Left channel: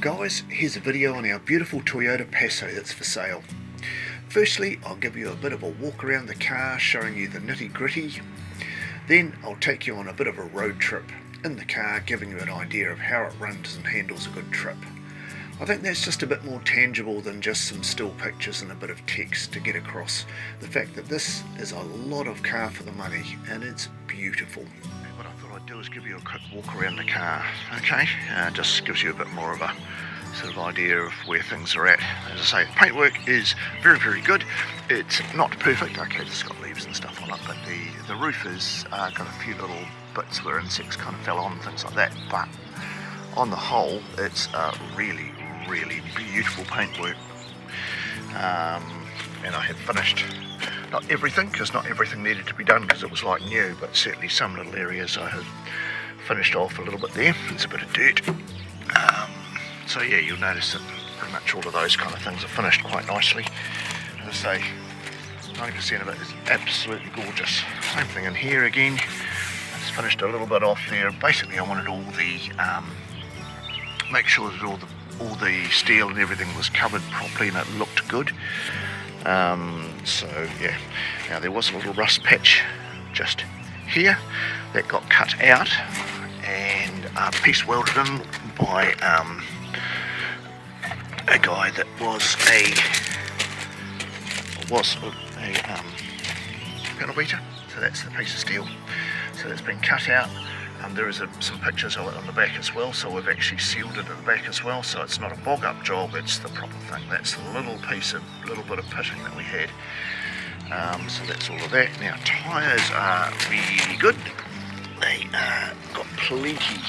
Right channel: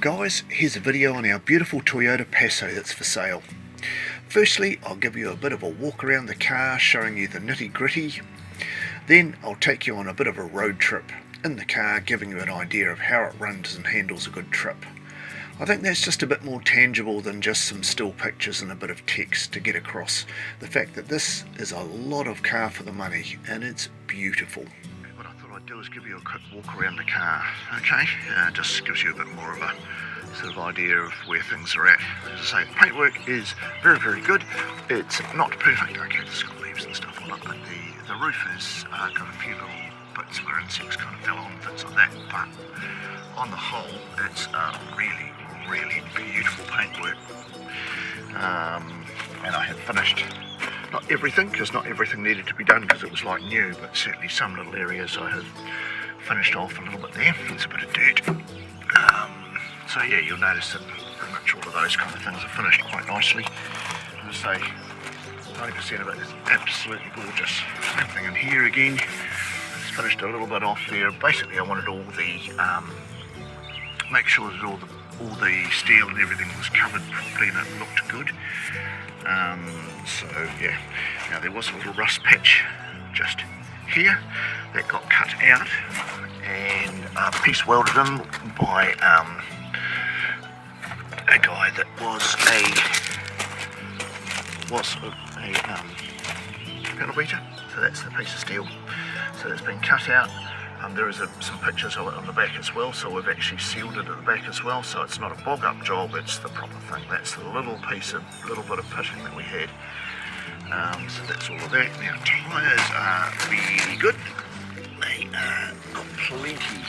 Guys, here's a video on our beautiful Toyota Passo that's for sale. Firstly, I'll give you a bit of a walk around the car, showing you the nitty gritty. Then I'll take you on a bit of a road trip in the car, giving you an idea of how it runs and handles a good trip. I think that's just a bit more tangible than just some still pictures and a bit of text to get across the fact that this is a lot of car for the money and it's beautiful. What I thought I'd do is give you a quick walk around the car, okay? Just gives you a bit more of a sort of idea of where things are at. As I say, the paintwork is very, very good. It's not perfect, okay, it's got leaves and stuff on it, but the roof has got a few little bits where insects kind of fell on, things like that, but on the whole, it's really beautiful paintwork. And I have finished, not everything, because not everything needed to be done because it was like new, but certainly some little areas I have finished off a little bit there. There's a bit of dirt. So yeah, you'll notice that pretty much all of those kind of things are finished quite nicely. As I say, 90% of it is absolutely gorgeous. Same thing in here again. It's finished a little bit off there. Basically I wanted all the, make sure that all the steel and everything was covered properly and it looked good. So yeah, now there was a little rust patch just here that got cut out and piece welded in by a guy that was a panel beater. So that's the piece of steel. So that's been cut out. There is some pictures of it on the back as well, so we've actually sealed it at the back as well, so it's not a bog up job, it's the proper thing. That's the little bit of pitting that we had. So that's all of that. Now tyres are really good. They got plenty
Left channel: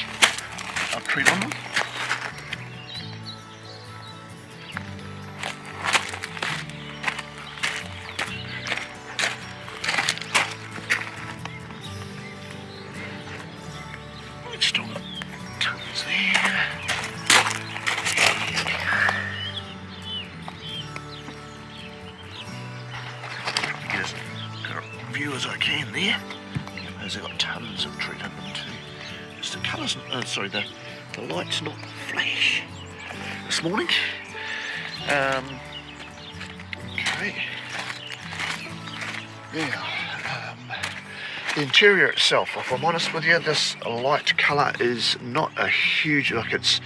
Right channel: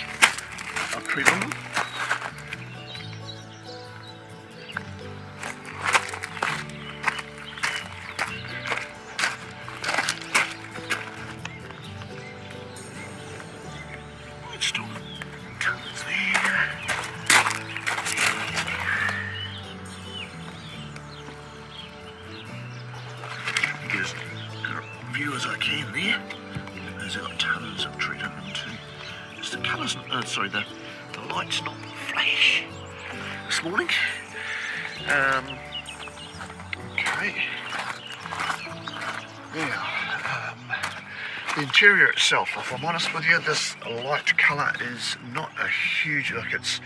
of tread on them. Still tons there. Get as good a view as I can there. Those have got tons of tread in them too. Just the colours, the light's not flash this morning. Okay. Now, the interior itself, if I'm honest with you, this light colour is not a huge look. It's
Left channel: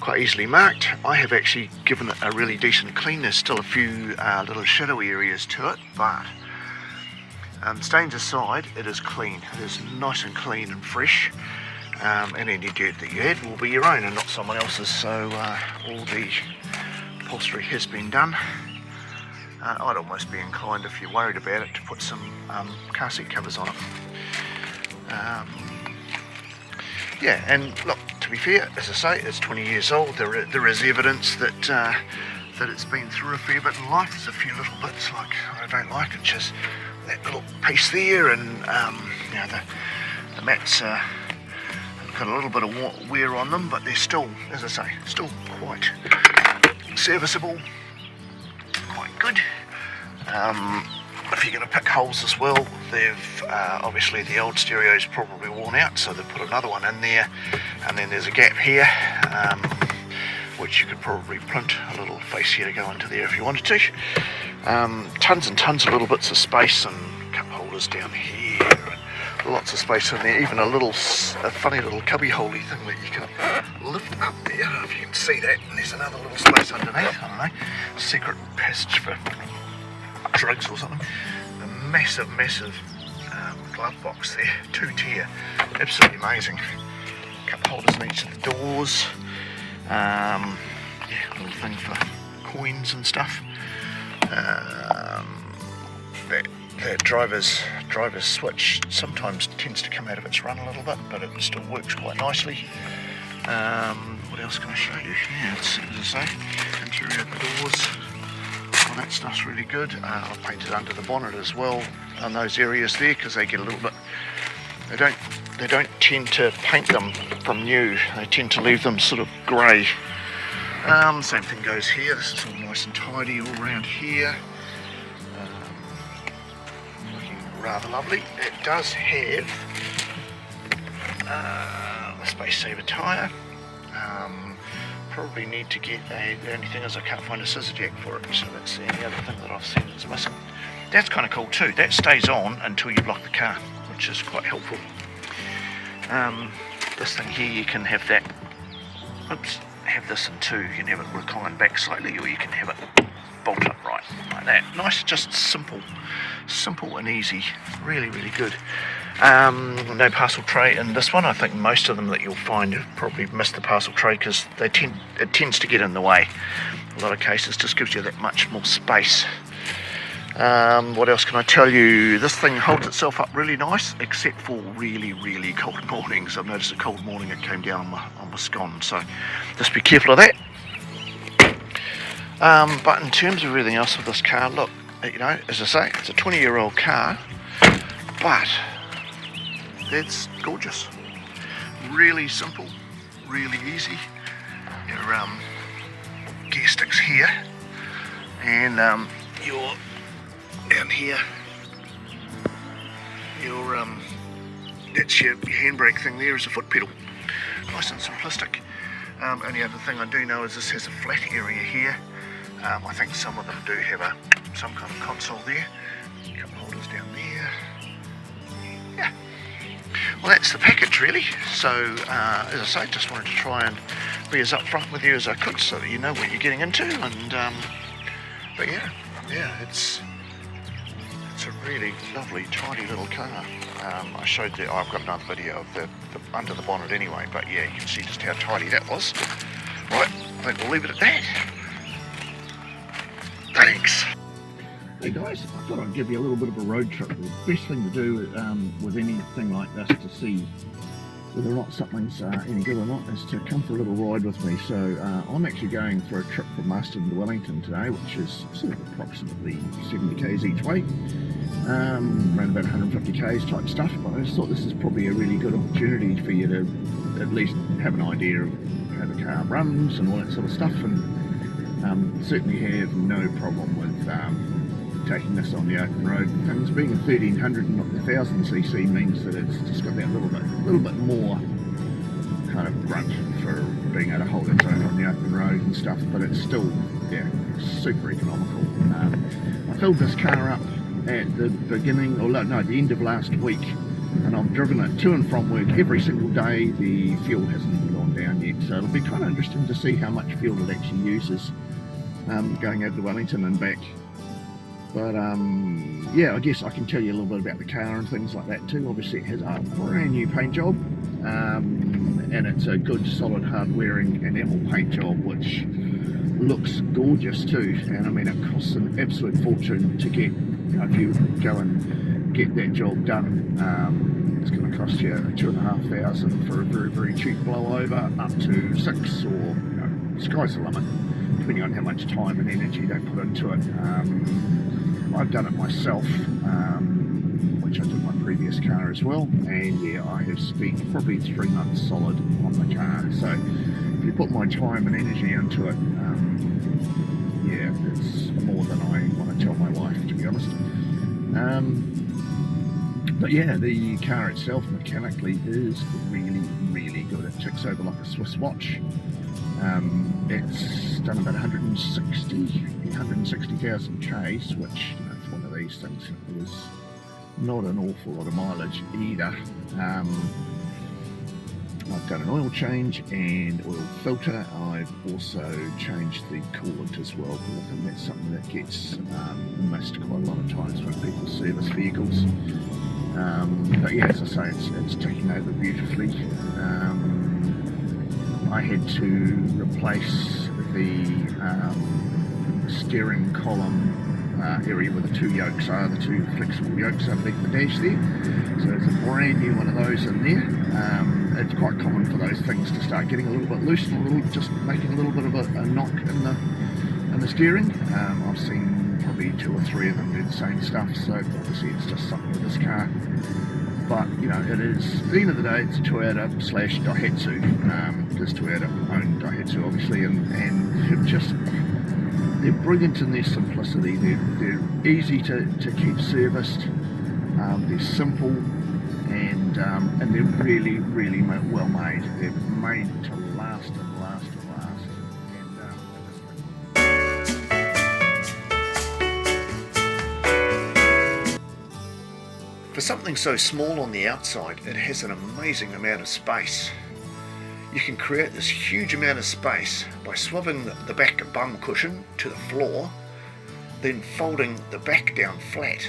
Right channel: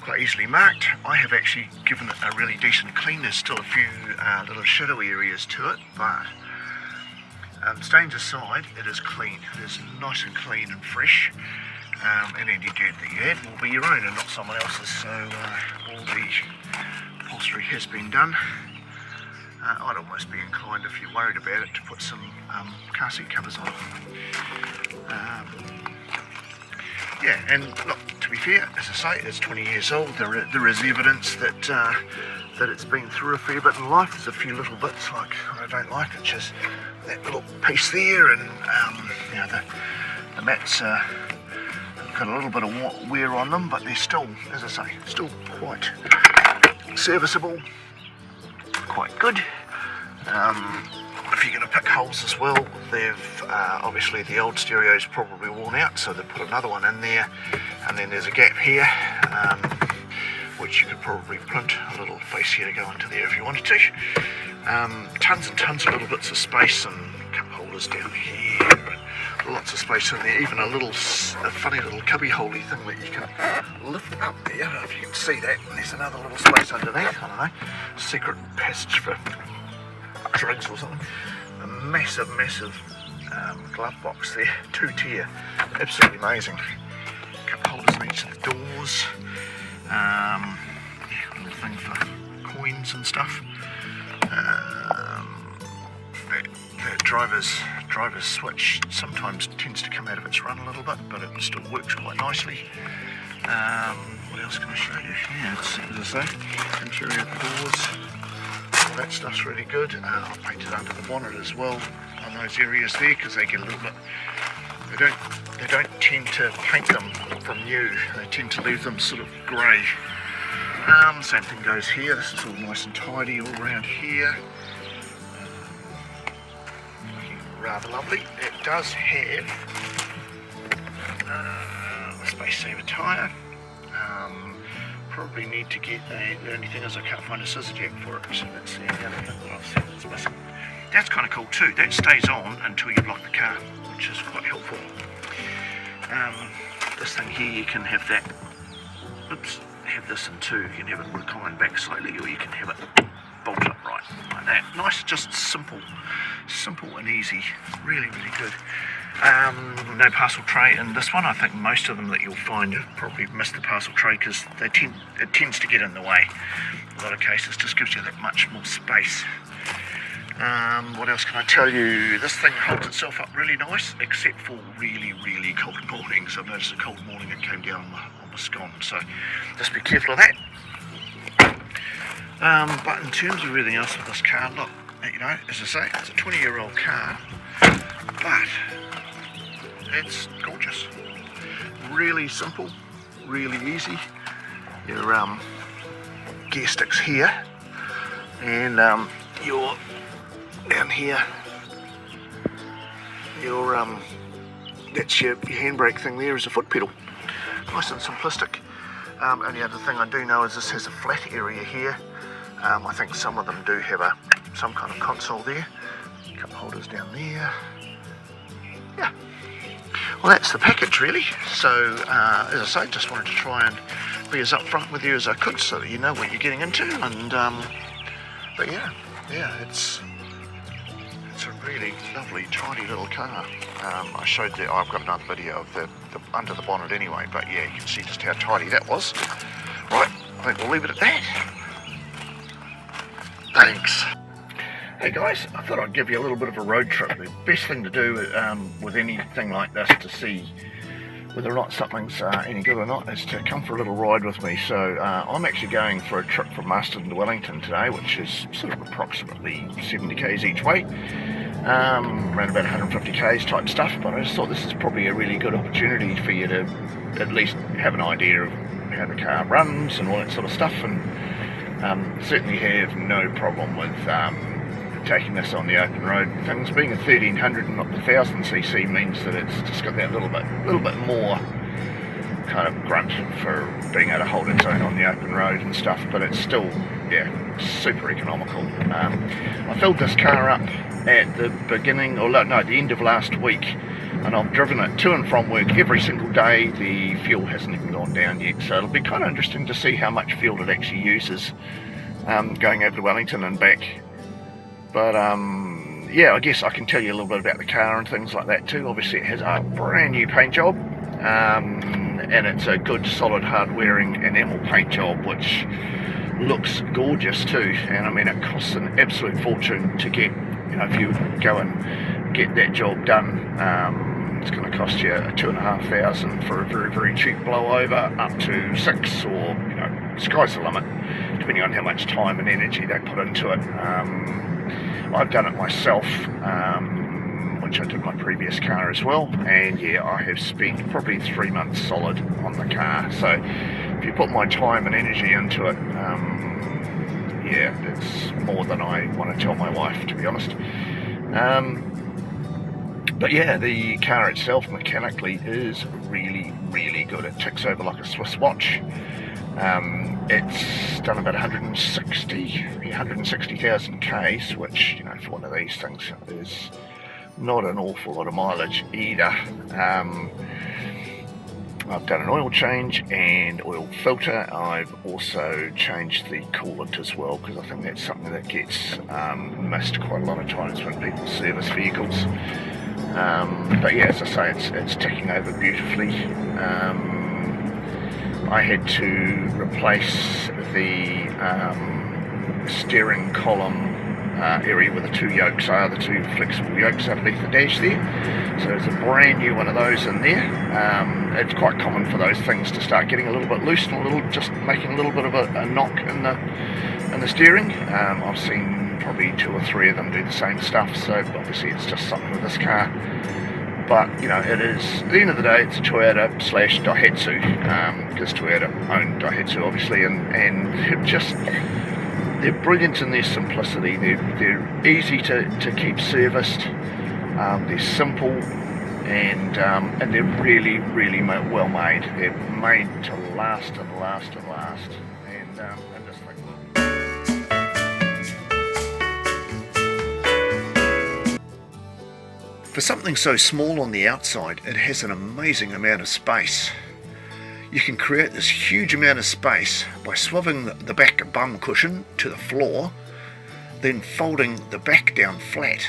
quite easily marked. I have actually given it a really decent clean. There's still a few little shadowy areas to it, but stains aside, it is clean. It is nice and clean and fresh. And any dirt that you add will be your own and not someone else's. So all the upholstery has been done. I'd almost be inclined, if you're worried about it, to put some car seat covers on it. Yeah, and look, to be fair, as I say, it's 20 years old. There is evidence that that it's been through a fair bit in life. There's a few little bits like I don't like, which is that little piece there, and you know, the mats have got a little bit of wear on them, but they're still, as I say, still quite serviceable. Quite good. If you're going to pick holes as well, they've obviously the old stereo's probably worn out, so they've put another one in there, and then there's a gap here, which you could probably print a little fascia to go into there if you wanted to. Tons and tons of little bits of space and cup holders down here, and lots of space in there, even a funny little cubby holey thing that you can lift up there. I don't know if you can see that, and there's another little space underneath, I don't know, secret passage for drugs or something. A massive glove box there, 2-tier, absolutely amazing. Cup holders in each of the doors, yeah, little thing for coins and stuff. That driver's switch sometimes tends to come out of its run a little bit, but it still works quite nicely. What else can I show you? Yeah, let's see, as I say, interior of the doors, all that stuff's really good. I've painted under the bonnet as well on those areas there, because they get a little bit, they don't tend to paint them from new, they tend to leave them sort of grey. Same thing goes here. This is all nice and tidy all around here. Looking rather lovely. It does have a space saver tyre. probably need to get the only thing is I can't find a scissor jack for it, so that's the only other thing that I've seen is missing. That's kind of cool too. That stays on until you've locked the car, which is quite helpful. This thing here, you can have that, have this in two. You can have it recline back slightly, or you can have it bolt upright like that. Nice, just simple and easy. Really good. No parcel tray in this one. I think most of them that you'll find have probably missed the parcel tray because it tends to get in the way. In a lot of cases, just gives you that much more space. What else can I tell you? This thing holds itself up really nice, except for really cold mornings. I've noticed a cold morning it came down on my scone, so just be careful of that. But in terms of everything else with this car, look, you know, as I say, it's a 20-year-old car, but it's gorgeous. Really simple, really easy. Your gear sticks here, and your down here, your that's your handbrake thing there is a foot pedal. Nice and simplistic. Only other thing I do know is this has a flat area here. I think some of them do have some kind of console there. Cup holders down there. Yeah. Well, that's the package really. So as I say, just wanted to try and be as upfront with you as I could so that you know what you're getting into. And but yeah, it's a really lovely, tidy little car. I showed that I've got another video of the under the bonnet anyway, but yeah, you can see just how tidy that was. Right, I think we'll leave it at that. Thanks. Hey guys, I thought I'd give you a little bit of a road trip. The best thing to do with anything like this to see whether or not something's any good or not is to come for a little ride with me. So I'm actually going for a trip from Marston to Wellington today, which is sort of approximately 70 k's each way, around about 150 k's type stuff. But I just thought this is probably a really good opportunity for you to at least have an idea of how the car runs and all that sort of stuff, and certainly have no problem with taking this on the open road. Things being a 1300 and not the 1000cc means that it's just got that little bit more kind of grunt for being able to hold its own on the open road and stuff, but it's still, yeah, super economical. I filled this car up at the beginning, or no, the end of last week, and I've driven it to and from work every single day. The fuel hasn't even gone down yet, so it'll be kind of interesting to see how much fuel it actually uses going over to Wellington and back. But yeah, I guess I can tell you a little bit about the car and things like that too. Obviously it has a brand new paint job, and it's a good solid hard wearing enamel paint job which looks gorgeous too. And I mean, it costs an absolute fortune to get, you know, if you go and get that job done, it's going to cost you $2,500 for a very cheap blowover, up to $6,000, or, you know, sky's the limit depending on how much time and energy they put into it. I've done it myself, which I did my previous car as well, and yeah, I have spent probably 3 months solid on the car. So if you put my time and energy into it, yeah, it's more than I want to tell my wife, to be honest. But yeah, the car itself mechanically is really good. It ticks over like a Swiss watch. It's done about 160,000 k's, which, you know, for one of these things is not an awful lot of mileage either. I've done an oil change and oil filter. I've also changed the coolant as well, because I think that's something that gets missed quite a lot of times when people service vehicles. But yeah, as I say, it's ticking over beautifully. I had to replace the steering column area where the two yokes are, the two flexible yokes underneath the dash there. So there's a brand new one of those in there. It's quite common for those things to start getting a little bit loose and just making a little bit of a knock in the steering. I've seen probably 2 or 3 of them do the same stuff, so obviously it's just something with this car. But, you know, it is, at the end of the day, it's Toyota / Daihatsu, because Toyota owned Daihatsu, obviously, and they're brilliant in their simplicity. They're easy to keep serviced. They're simple, and they're really well made. They're made to last and last and last. For something so small on the outside, it has an amazing amount of space. You can create this huge amount of space by swapping the back bum cushion to the floor, then folding the back down flat.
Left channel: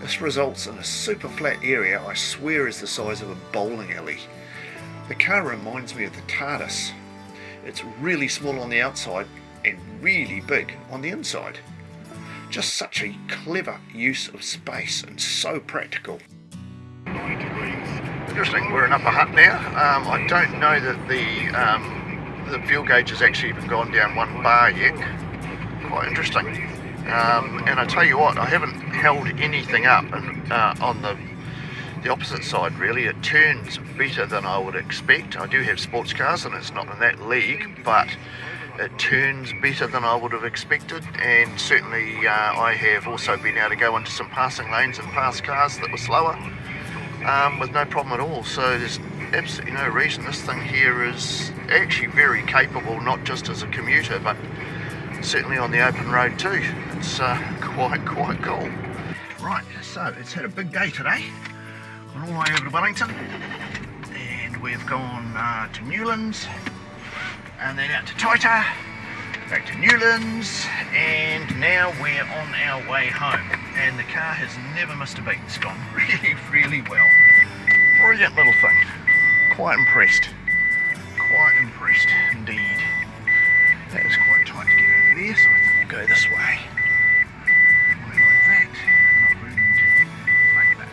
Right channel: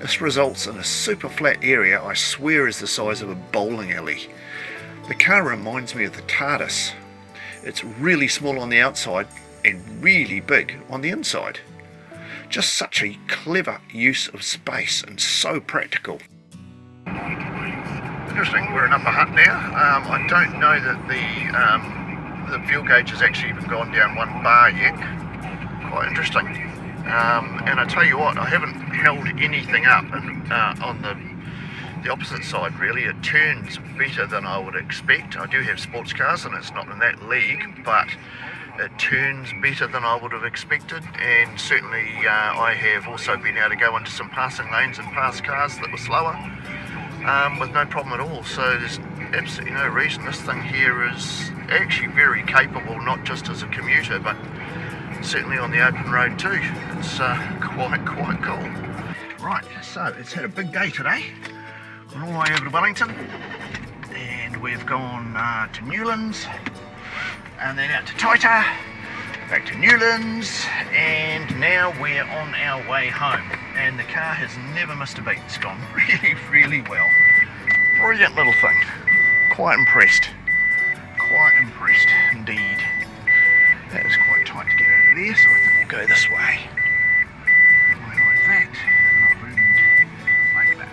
This results in a super flat area I swear is the size of a bowling alley. The car reminds me of the TARDIS. It's really small on the outside and really big on the inside. Just such a clever use of space and so practical. Interesting, we're in Upper Hutt now. I don't know that the fuel gauge has actually even gone down 1 bar yet. Quite interesting. And I tell you what, I haven't held anything up on the opposite side really. It turns better than I would expect. I do have sports cars and it's not in that league, but it turns better than I would have expected, and certainly I have also been able to go into some passing lanes and pass cars that were slower with no problem at all. So there's absolutely no reason. This thing here is actually very capable, not just as a commuter, but certainly on the open road too. It's quite cool. Right, so it's had a big day today. Gone all the way over to Wellington, and we've gone to Newlands, and then out to Toyota, back to Newlands, and now we're on our way home. And the car has never missed a beat. It's gone really well. Brilliant little thing. Quite impressed. Quite impressed indeed. That is quite tight to get over there, so I think we'll go this way. Like that, and like that.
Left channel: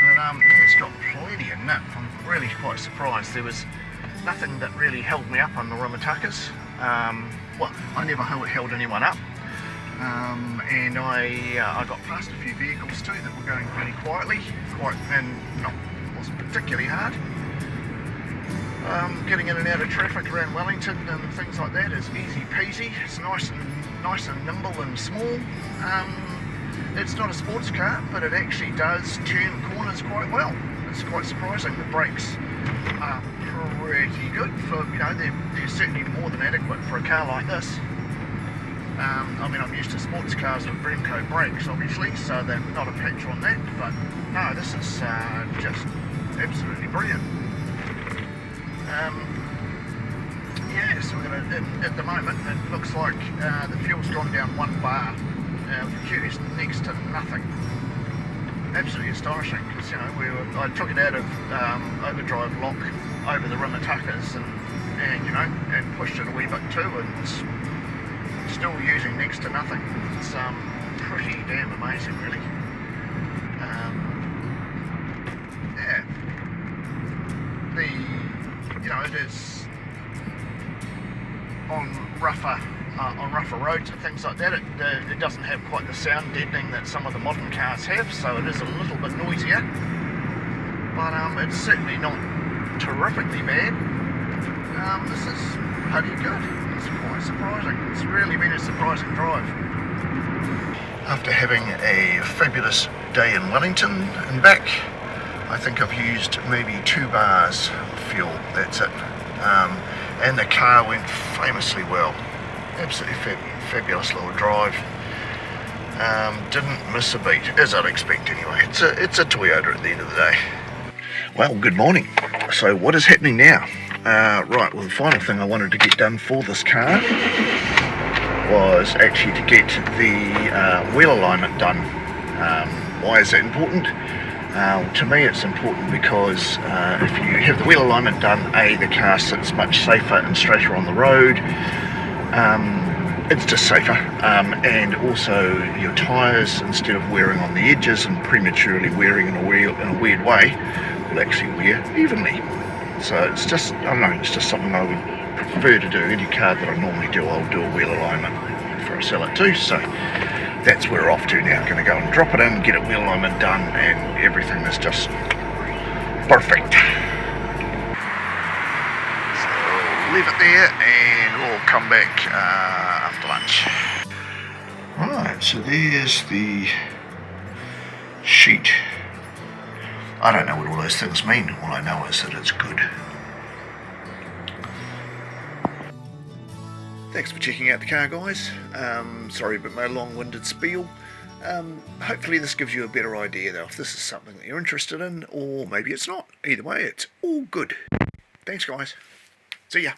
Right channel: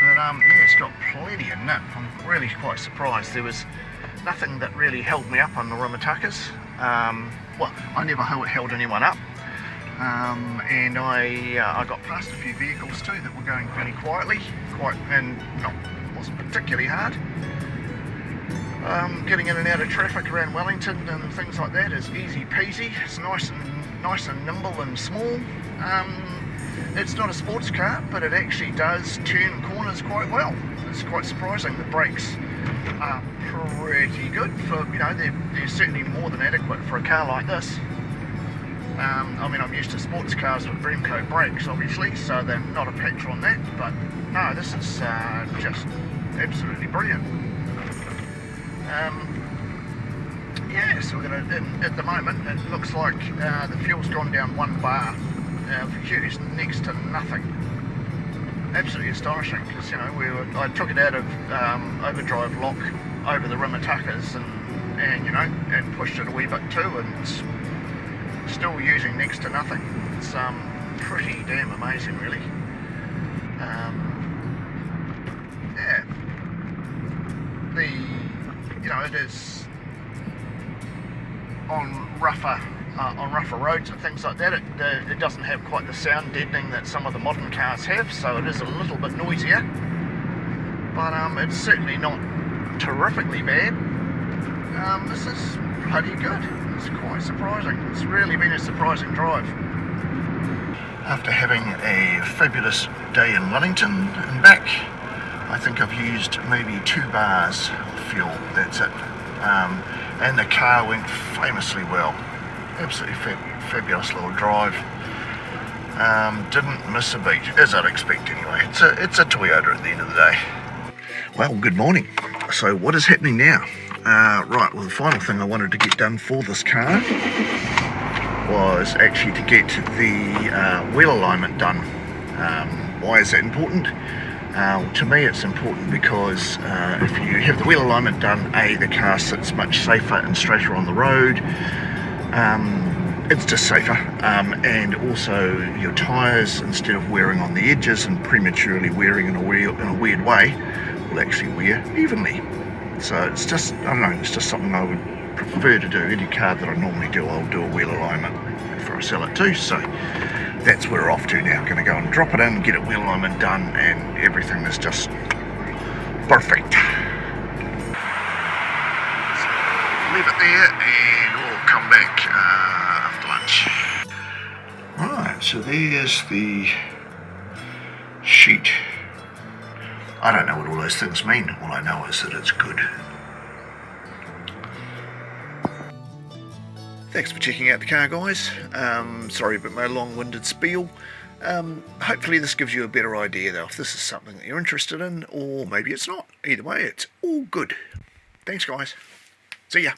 But yeah, it's got plenty of nip. I'm really quite surprised. There was nothing that really held me up on the Rimatakas. Well, I never held anyone up. And I got past a few vehicles too that were going fairly quietly, wasn't particularly hard. Getting in and out of traffic around Wellington and things like that is easy peasy. It's nice and nimble and small. It's not a sports car, but it actually does turn corners quite well. It's quite surprising. The brakes are pretty good for, they're certainly more than adequate for a car like this. I mean, I'm used to sports cars with Bremco brakes, obviously, so they're not a patch on that, but no, this is just absolutely brilliant. Yeah, so we're going to, at the moment, it looks like the fuel's gone down 1 bar. The is next to nothing. Absolutely astonishing, because I took it out of overdrive lock over the Rimatakas and pushed it a wee bit too, and it's still using next to nothing. It's pretty damn amazing, really. Yeah, it is on rougher roads and things like that. It doesn't have quite the sound deadening that some of the modern cars have, so it is a little bit noisier. But it's certainly not terrifically bad. This is pretty good. It's quite surprising. It's really been a surprising drive. After having a fabulous day in Wellington and back, I think I've used maybe 2 bars of fuel. That's it. And the car went famously well. Absolutely fabulous little drive. Didn't miss a beat, as I'd expect anyway. It's a Toyota at the end of the day. Well, good morning. So what is happening now? Right, well, the final thing I wanted to get done for this car was actually to get the wheel alignment done. Why is that important? To me it's important because if you have the wheel alignment done, the car sits much safer and straighter on the road. It's just safer, and also your tyres, instead of wearing on the edges and prematurely wearing in a weird way, will actually wear evenly. So it's just, I don't know, it's just something I would prefer to do. Any car that I normally do, I'll do a wheel alignment before I sell it too. So that's where we're off to now. I'm going to go and drop it in, get a wheel alignment done, and everything is just perfect. So leave it there and we'll come back after lunch. Right, so there's the sheet. I don't know what all those things mean. All I know is that it's good. Thanks for checking out the car, guys. Sorry about my long-winded spiel. Hopefully this gives you a better idea though if this is something that you're interested in, or maybe it's not. Either way, it's all good. Thanks guys. See ya.